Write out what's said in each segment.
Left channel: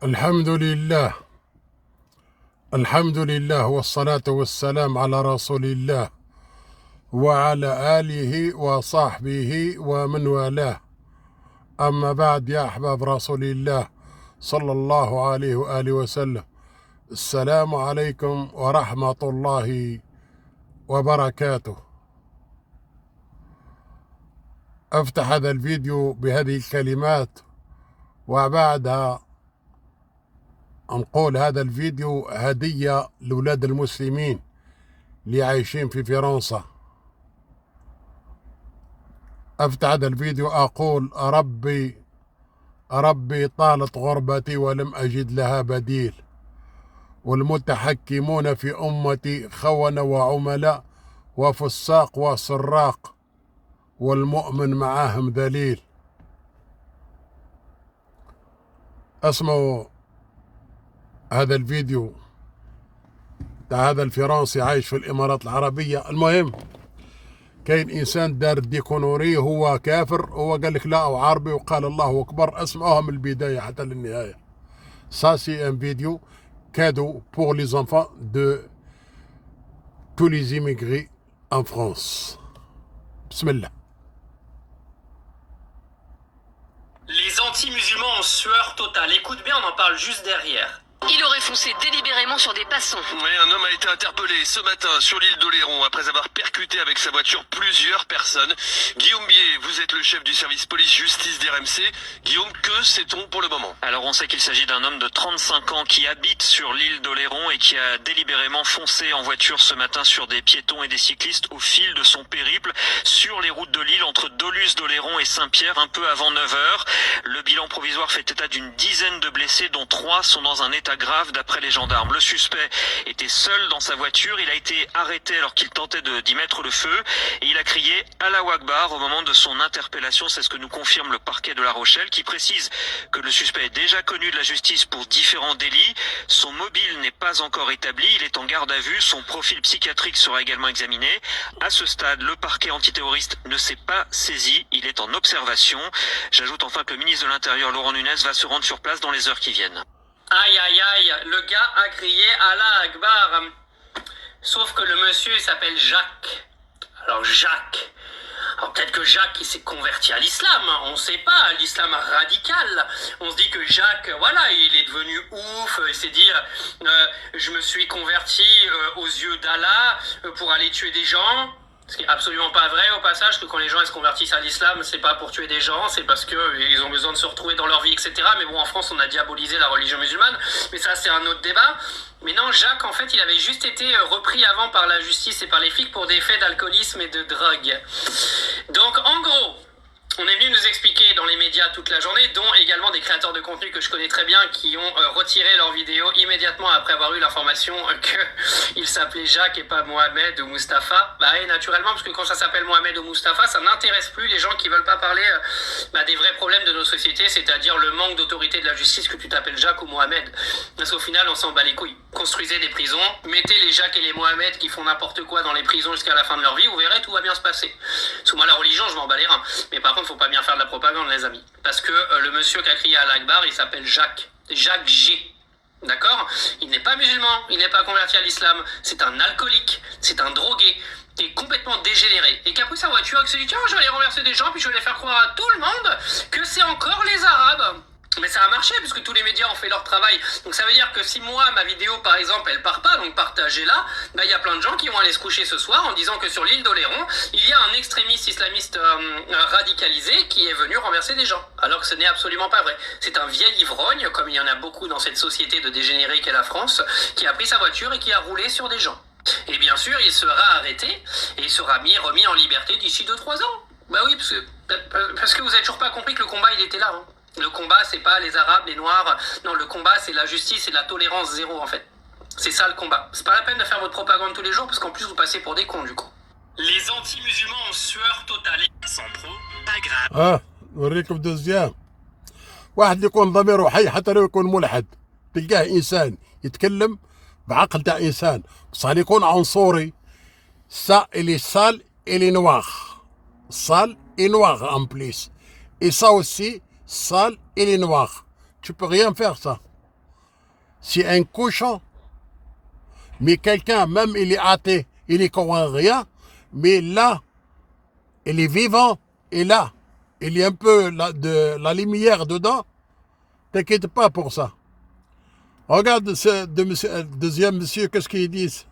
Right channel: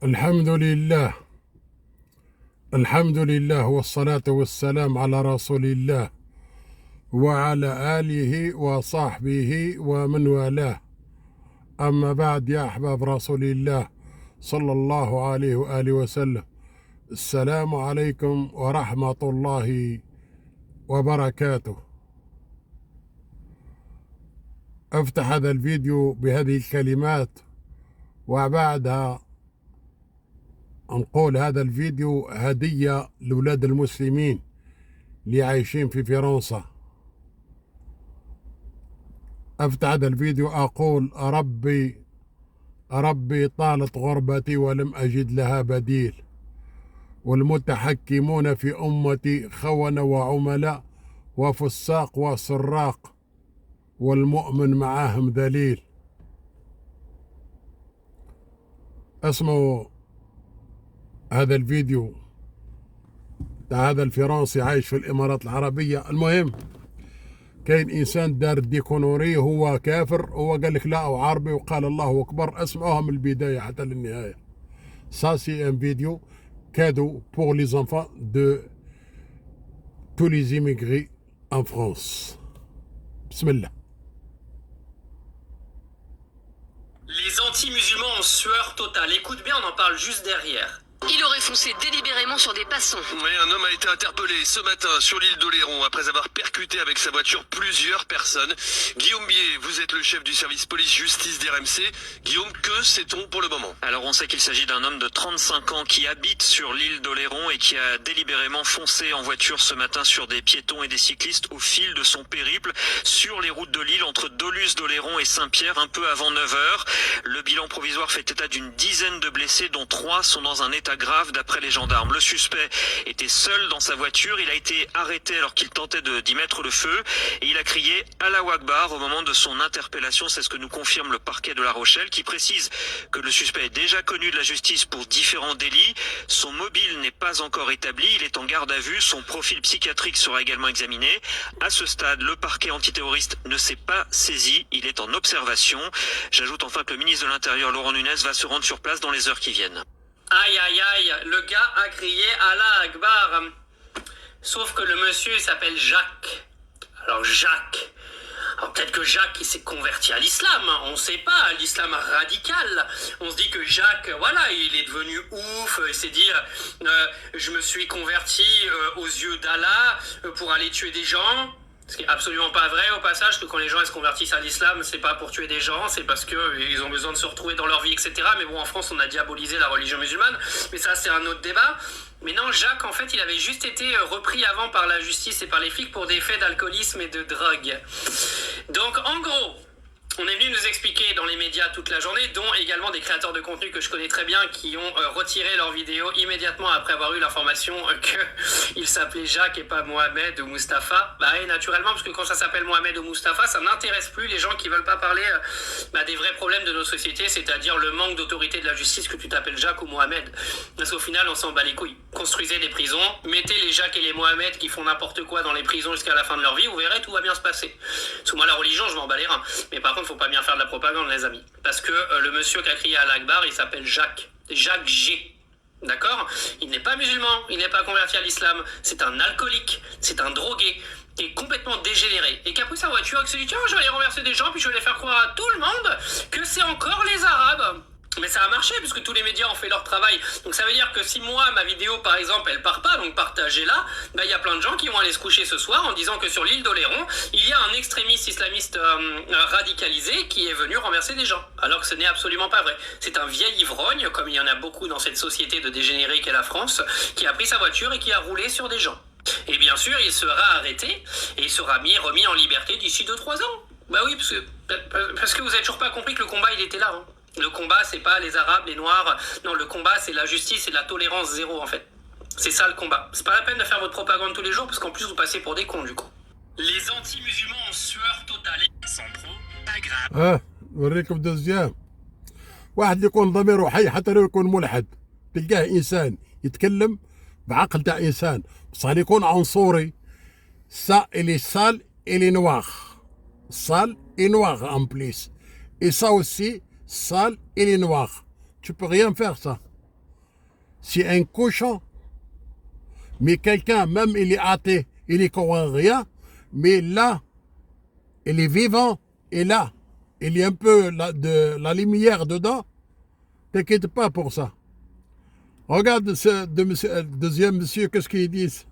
الحمد لله. الحمد لله والصلاة والسلام على رسول الله وعلى آله وصحبه ومن والاه. أما بعد، يا أحباب رسول الله صلى الله عليه وآله وسلم، السلام عليكم ورحمة الله وبركاته. أفتح هذا الفيديو بهذه الكلمات، وبعدها نقول هذا الفيديو هدية لأولاد المسلمين اللي عايشين في فرنسا. أفتح هذا الفيديو أقول: ربي طالت غربتي ولم أجد لها بديل، والمتحكمون في أمتي خونة وعملاء وفساق وسراق، والمؤمن معاهم ذليل. اسمعوا هذا الفيديو تاع هذا الفرنسي عايش في الإمارات العربية. المهم، كاين إنسان دار ديكونوري، هو كافر، هو قال لك لا عربي وقال الله أكبر. اسمعوها من البداية حتى للنهاية. Ça c'est un vidéo cadeau pour les enfants de tous les immigrés en France. Bismillah. Les anti-musulmans en sueur totale. Écoute bien, on en parle juste derrière. Il aurait foncé délibérément sur des passants. Oui, un homme a été interpellé ce matin sur l'île d'Oléron après avoir percuté avec sa voiture plusieurs personnes. Guillaume Bier, vous êtes le chef du service police-justice d'RMC. Guillaume, que sait-on pour le moment? Alors on sait qu'il s'agit d'un homme de 35 ans qui habite sur l'île d'Oléron et qui a délibérément foncé en voiture ce matin sur des piétons et des cyclistes au fil de son périple sur les routes de l'île entre Doluce d'Oléron et Saint-Pierre un peu avant 9h. Le bilan provisoire fait état d'une dizaine de blessés dont 3 sont dans un état grave d'après les gendarmes. Le suspect était seul dans sa voiture, il a été arrêté alors qu'il tentait d'y mettre le feu et il a crié Allahu Akbar au moment de son interpellation. C'est ce que nous confirme le parquet de La Rochelle qui précise que le suspect est déjà connu de la justice pour différents délits. Son mobile n'est pas encore établi, il est en garde à vue, son profil psychiatrique sera également examiné. À ce stade, le parquet antiterroriste ne s'est pas saisi, il est en observation. J'ajoute enfin que le ministre de l'Intérieur Laurent Nunez va se rendre sur place dans les heures qui viennent. Aïe aïe aïe, le gars a crié Allah Akbar. Sauf que le monsieur il s'appelle Jacques. Alors Jacques. Alors peut-être que Jacques il s'est converti à l'islam, on ne sait pas, à l'islam radical. On se dit que Jacques, voilà, il est devenu ouf, il s'est dit je me suis converti aux yeux d'Allah pour aller tuer des gens. Ce qui est absolument pas vrai au passage, que quand les gens se convertissent à l'islam, c'est pas pour tuer des gens, c'est parce qu'ils ont besoin de se retrouver dans leur vie, etc. Mais bon, en France, on a diabolisé la religion musulmane, mais ça, c'est un autre débat. Mais non, Jacques, en fait, il avait juste été repris avant par la justice et par les flics pour des faits d'alcoolisme et de drogue. Donc, en gros, on est venu nous expliquer dans les médias toute la journée, dont également des créateurs de contenu que je connais très bien, qui ont retiré leurs vidéos immédiatement après avoir eu l'information qu'il s'appelait Jacques et pas Mohamed ou Mustapha. Bah et naturellement, parce que quand ça s'appelle Mohamed ou Mustapha, ça n'intéresse plus les gens qui veulent pas parler des vrais problèmes de nos sociétés, c'est-à-dire le manque d'autorité de la justice, que tu t'appelles Jacques ou Mohamed. Parce qu'au final, on s'en bat les couilles. Construisez des prisons, mettez les Jacques et les Mohamed qui font n'importe quoi dans les prisons jusqu'à la fin de leur vie, vous verrez, tout va bien se passer. Sous moi, la religion, je m'en bats les reins. Mais par contre, faut pas bien faire de la propagande, les amis. Parce que le monsieur qui a crié à l'Akbar, il s'appelle Jacques. Jacques G. D'accord? Il n'est pas musulman, il n'est pas converti à l'islam. C'est un alcoolique, c'est un drogué, qui est complètement dégénéré. Et qui a pris sa voiture et qui s'est dit, tiens, je vais aller renverser des gens, puis je vais aller faire croire à tout le monde que c'est encore les Arabes. Mais ça a marché puisque tous les médias ont fait leur travail. Donc ça veut dire que si moi, ma vidéo par exemple, elle part pas, donc partagez-la, il y a plein de gens qui vont aller se coucher ce soir en disant que sur l'île d'Oléron, il y a un extrémiste islamiste radicalisé qui est venu renverser des gens. Alors que ce n'est absolument pas vrai. C'est un vieil ivrogne, comme il y en a beaucoup dans cette société de dégénérés qu'est la France, qui a pris sa voiture et qui a roulé sur des gens. Et bien sûr, il sera arrêté et il sera remis en liberté d'ici 2-3 ans. Bah oui, parce que vous avez toujours pas compris que le combat, il était là, hein. Le combat, c'est pas les Arabes, les Noirs. Non, le combat, c'est la justice et la tolérance zéro, en fait. C'est ça, le combat. C'est pas la peine de faire votre propagande tous les jours, parce qu'en plus, vous passez pour des cons, du coup. Les anti-musulmans en sueur totale. Sans pro, pas grave. نوريكم دوزيام. واحد اللي يكون ضميره حي حتى لو يكون ملحد، تلقاه إنسان يتكلم بعقل تاع إنسان، بصح اللي يكون عنصري. Ça, il est sale, il est noir. Sale et noir en plus. Et ça aussi, sale et les noirs. Tu peux rien faire ça. c'est un cochon. Mais quelqu'un, même il est athée, il n'y croit rien, mais là, il est vivant, et là, il y a un peu de la lumière dedans. T'inquiète pas pour ça. Regarde ce deuxième monsieur, qu'est-ce qu'ils disent.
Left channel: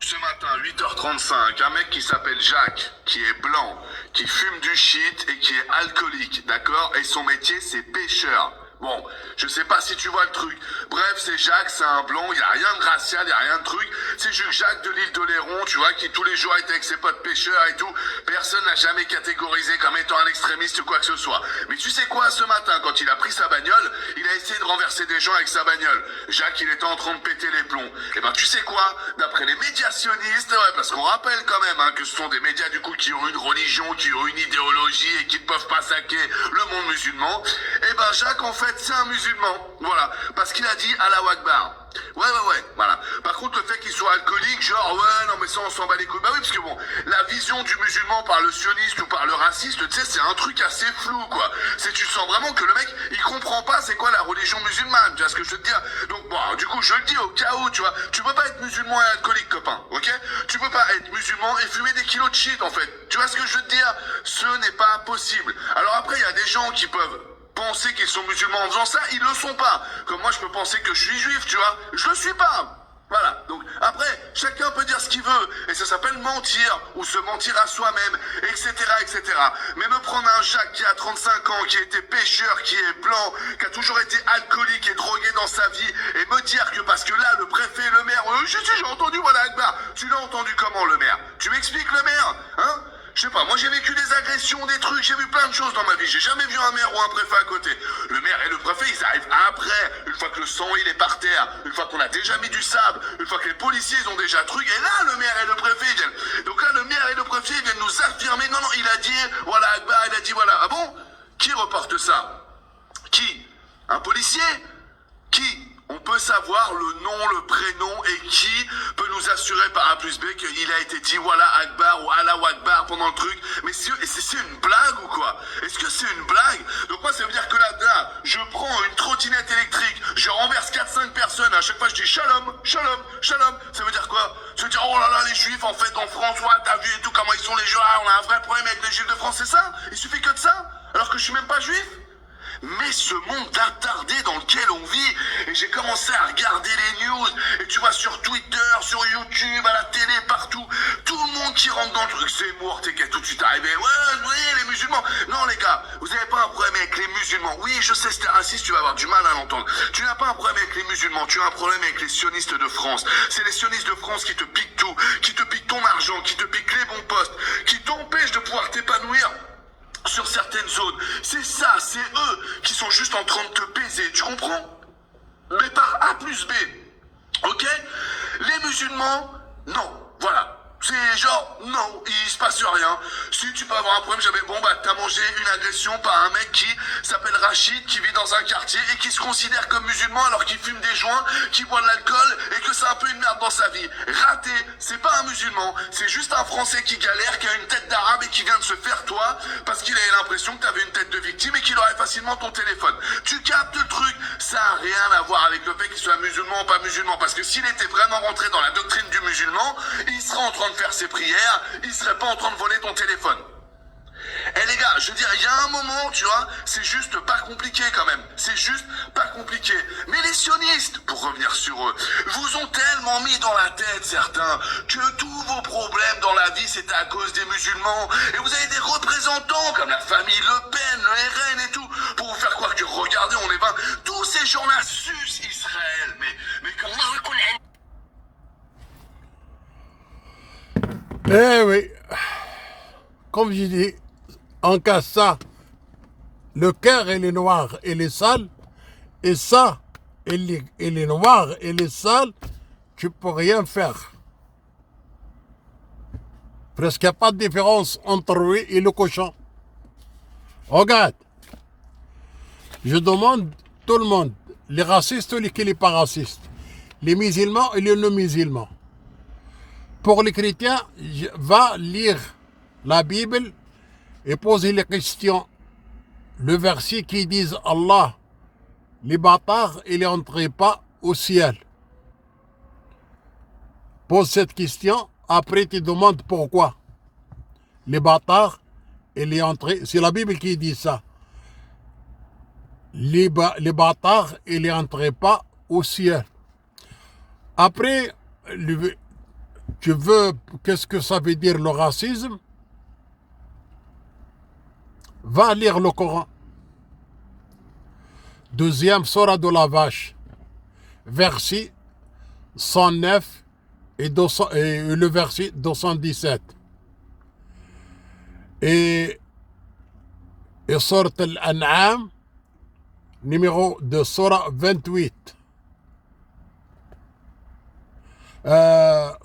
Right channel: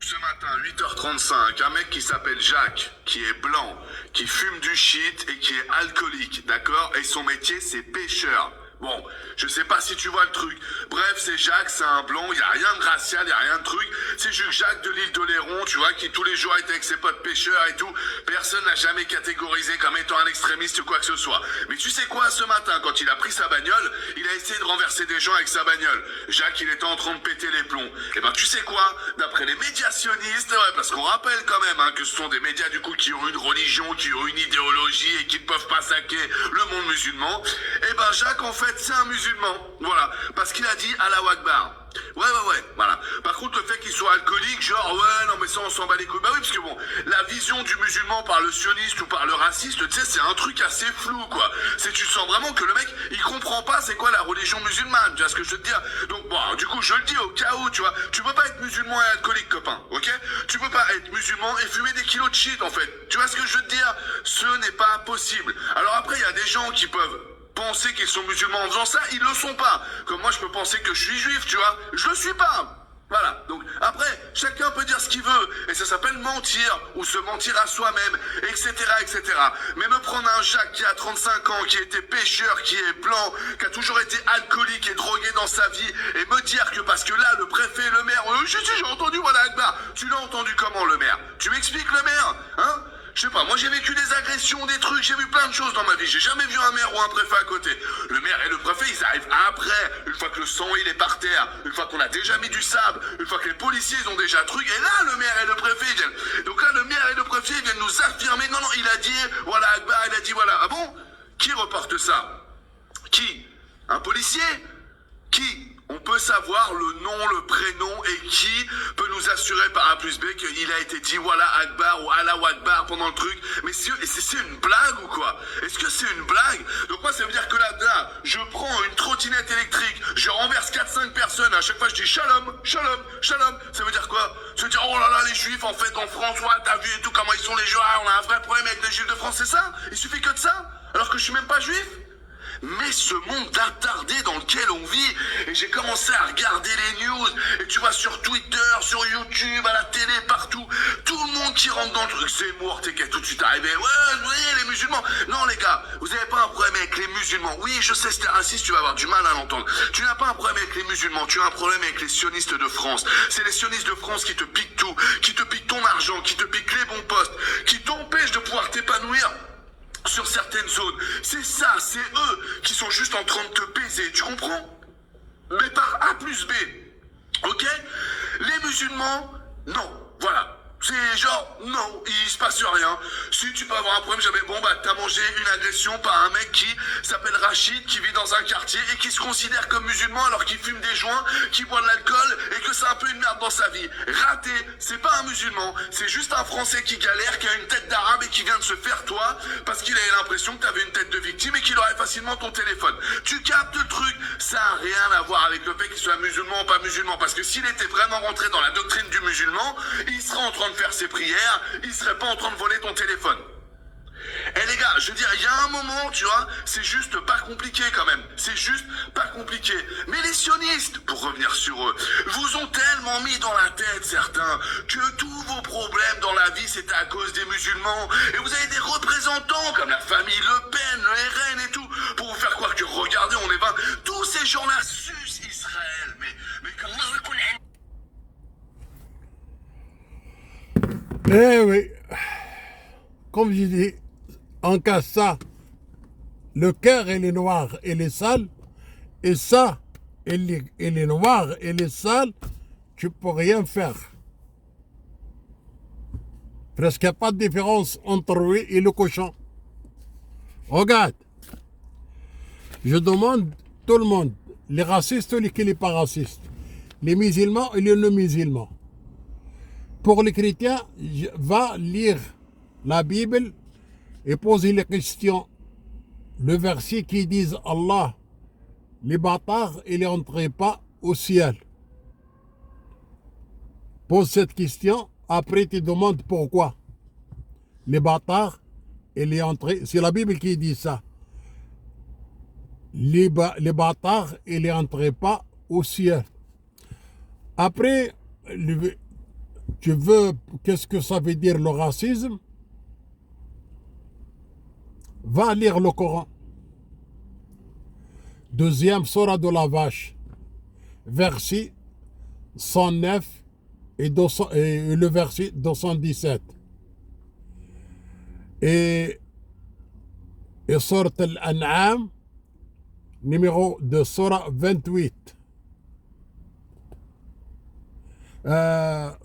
Ce matin, 8h35, un mec qui s'appelle Jacques, qui est blanc, qui fume du shit et qui est alcoolique, d'accord? Et son métier, c'est pêcheur. Bon, je sais pas si tu vois le truc. Bref, c'est Jacques, c'est un blond, il n'y a rien de racial, il n'y a rien de truc. C'est juste Jacques de l'île d'Oléron, tu vois, qui tous les jours était avec ses potes pêcheurs et tout. Personne n'a jamais catégorisé comme étant un extrémiste ou quoi que ce soit. Mais tu sais quoi, ce matin, quand il a pris sa bagnole, il a essayé de renverser des gens avec sa bagnole. Jacques, il était en train de péter les plombs. Et ben, tu sais quoi, d'après les médias sionistes, ouais, parce qu'on rappelle quand même hein, que ce sont des médias du coup qui ont une religion, qui ont une idéologie et qui ne peuvent pas saquer le monde musulman. Et ben, Jacques, en fait, c'est un musulman, voilà, parce qu'il a dit Allahu Akbar. Ouais, voilà. Par contre, le fait qu'il soit alcoolique, genre, ouais, non, mais ça, on s'en bat les couilles. Bah oui, parce que bon, la vision du musulman par le sioniste ou par le raciste, tu sais, c'est un truc assez flou, quoi. C'est, tu sens vraiment que le mec, il comprend pas c'est quoi la religion musulmane, tu vois ce que je veux te dire. Donc, bon, du coup, je le dis au cas où, tu vois, tu peux pas être musulman et alcoolique, copain, ok? Tu peux pas être musulman et fumer des kilos de shit, en fait. Tu vois ce que je veux te dire? Ce n'est pas possible. Alors après, il y a des gens qui peuvent penser qu'ils sont musulmans en faisant ça, ils le sont pas. Comme moi, je peux penser que je suis juif, tu vois. Je le suis pas. Voilà. Donc, après, chacun peut dire ce qu'il veut. Et ça s'appelle mentir, ou se mentir à soi-même, etc., etc. Mais me prendre un Jacques qui a 35 ans, qui a été pêcheur, qui est blanc, qui a toujours été alcoolique et drogué dans sa vie, et me dire que parce que là, le préfet, le maire, j'ai entendu, voilà, Akbar. Tu l'as entendu comment, le maire? Tu m'expliques, le maire? Hein? Je sais pas, moi j'ai vécu des agressions, des trucs, j'ai vu plein de choses dans ma vie. J'ai jamais vu un maire ou un préfet à côté. Le maire et le préfet, ils arrivent après, une fois que le sang il est par terre, une fois qu'on a déjà mis du sable, une fois que les policiers ils ont déjà un truc, et là le maire et le préfet ils viennent. Donc là le maire et le préfet ils viennent nous affirmer, non, il a dit, voilà Akbar, il a dit voilà. Ah bon? Qui reporte ça? Qui? Un policier? Qui? On peut savoir le nom, le prénom et qui peut nous assurer par A plus B qu'il a été dit voilà Akbar ou Allahu Akbar pendant le truc. Mais c'est une blague ou quoi? Est-ce que c'est une blague? Donc moi ça veut dire que là, je prends une trottinette électrique, je renverse 4-5 personnes, à chaque fois je dis shalom, shalom, shalom. Ça veut dire quoi? Ça veut dire oh là là les juifs en fait en France, ouais, t'as vu et tout comment ils sont les juifs, on a un vrai problème avec les juifs de France, c'est ça? Il suffit que de ça? Alors que je suis même pas juif? Mais ce monde d'attardé dans lequel on vit, et j'ai commencé à regarder les news, et tu vois sur Twitter, sur YouTube, à la télé, partout, tout le monde qui rentre dans le truc, c'est mort, t'es qu'à tout de suite arrivé, ouais, vous voyez, les musulmans. Non les gars, vous avez pas un problème avec les musulmans. Oui, je sais, c'était raciste, tu vas avoir du mal à l'entendre. Tu n'as pas un problème avec les musulmans, tu as un problème avec les sionistes de France. C'est les sionistes de France qui te piquent tout, qui te piquent ton argent, qui te piquent les bons postes, qui t'empêchent de pouvoir t'épanouir sur certaines zones. C'est ça, c'est eux qui sont juste en train de te baiser, tu comprends? Mais par A plus B, ok? Les musulmans, non, voilà. C'est genre, non, il se passe rien. Si tu peux avoir un problème, jamais, bon bah t'as mangé une agression par un mec qui s'appelle Rachid, qui vit dans un quartier et qui se considère comme musulman alors qu'il fume des joints, qui boit de l'alcool et que c'est un peu une merde dans sa vie. Raté, c'est pas un musulman, c'est juste un Français qui galère, qui a une tête d'arabe et qui vient de se faire toi parce qu'il avait l'impression que t'avais une tête de victime et qu'il aurait facilement ton téléphone. Tu captes le truc, ça a rien à voir avec le fait qu'il soit musulman ou pas musulman, parce que s'il était vraiment rentré dans la doctrine du musulman, il serait en train de faire ses prières, il serait pas en train de voler ton téléphone. Eh les gars, je veux dire, il y a un moment, tu vois, c'est juste pas compliqué quand même. C'est juste pas compliqué. Mais les sionistes, pour revenir sur eux, vous ont tellement mis dans la tête, certains, que tous vos problèmes dans la vie, c'était à cause des musulmans. Et vous avez des représentants, comme la famille Le Pen, le RN et tout, pour vous faire croire que, regardez, on est 20. Tous ces gens-là sucent Israël. Mais comment on reconnaît? Eh oui, comme je dis, en cas ça, le cœur il est noir, il est sale, et ça, il est noir, il est sale, tu peux rien faire. Presque il n'y a pas de différence entre lui et le cochon. Regarde, je demande tout le monde, les racistes ou les pas racistes, les musulmans et les non-musulmans. Pour les chrétiens, va lire la Bible et poser les questions le verset qui dit Allah, les bâtards, il n'entrent pas au ciel. Pose cette question, après tu demandes pourquoi. Les bâtards, il est entré, c'est la Bible qui dit ça. Les bâtards, il n'entrent pas au ciel. Après, tu veux, qu'est-ce que ça veut dire le racisme? Va lire le Coran. Deuxième Surah de la Vache, verset 109 et le verset 217. Et Surah Al-An'am, numéro de Surah 28.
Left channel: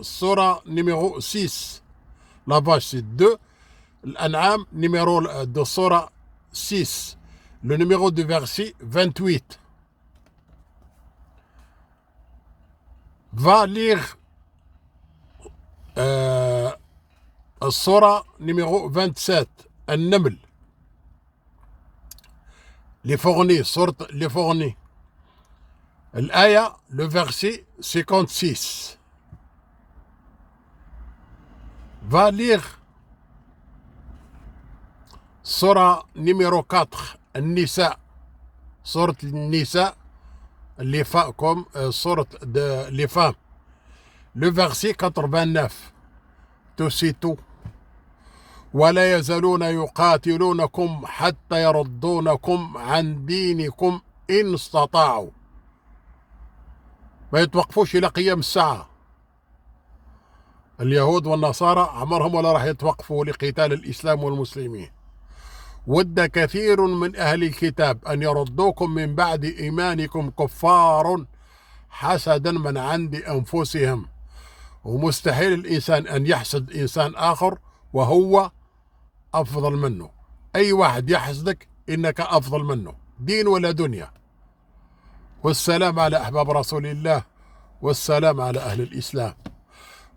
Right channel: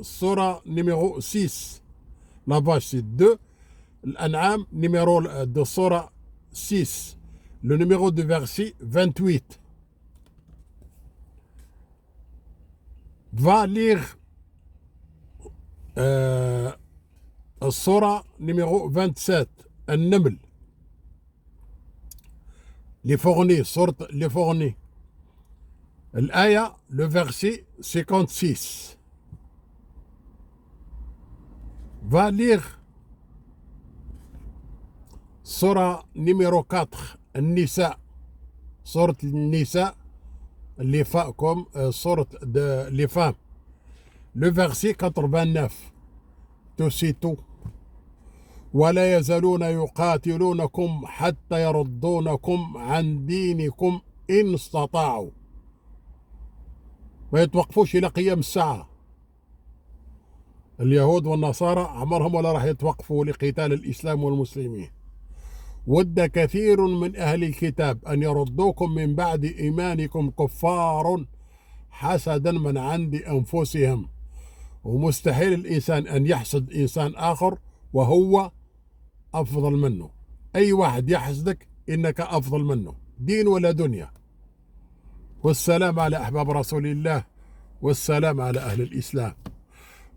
Surah numéro 6. La vache c'est 2. L'An'am numéro de Surah 6. Le numéro de verset 28. Va lire Surah numéro 27. An-Naml. Les fournis, sortent les fournis. L'aya, le verset 56. Va lire Surah numéro 4, Nisa. Sorte Nisa, les femmes, comme sorte de les femmes. Le verset 89. Tout c'est tout. ولا يزالون يقاتلونكم حتى يردونكم عن دينكم إن استطاعوا. ما يتوقفوش إلى قيام الساعة. اليهود والنصارى عمرهم ولا راح يتوقفوا لقتال الإسلام والمسلمين. ود كثير من أهل الكتاب أن يردوكم من بعد إيمانكم كفار حسدا من عند أنفسهم. ومستحيل الإنسان أن يحسد إنسان آخر وهو أفضل منه. أي واحد يحسدك إنك أفضل منه دين ولا دنيا. والسلام على أحباب رسول الله، والسلام على أهل الإسلام،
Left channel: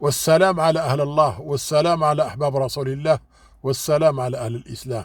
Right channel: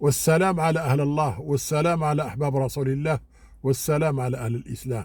والسلام على أهل الله، والسلام على أحباب رسول الله، والسلام على أهل الإسلام.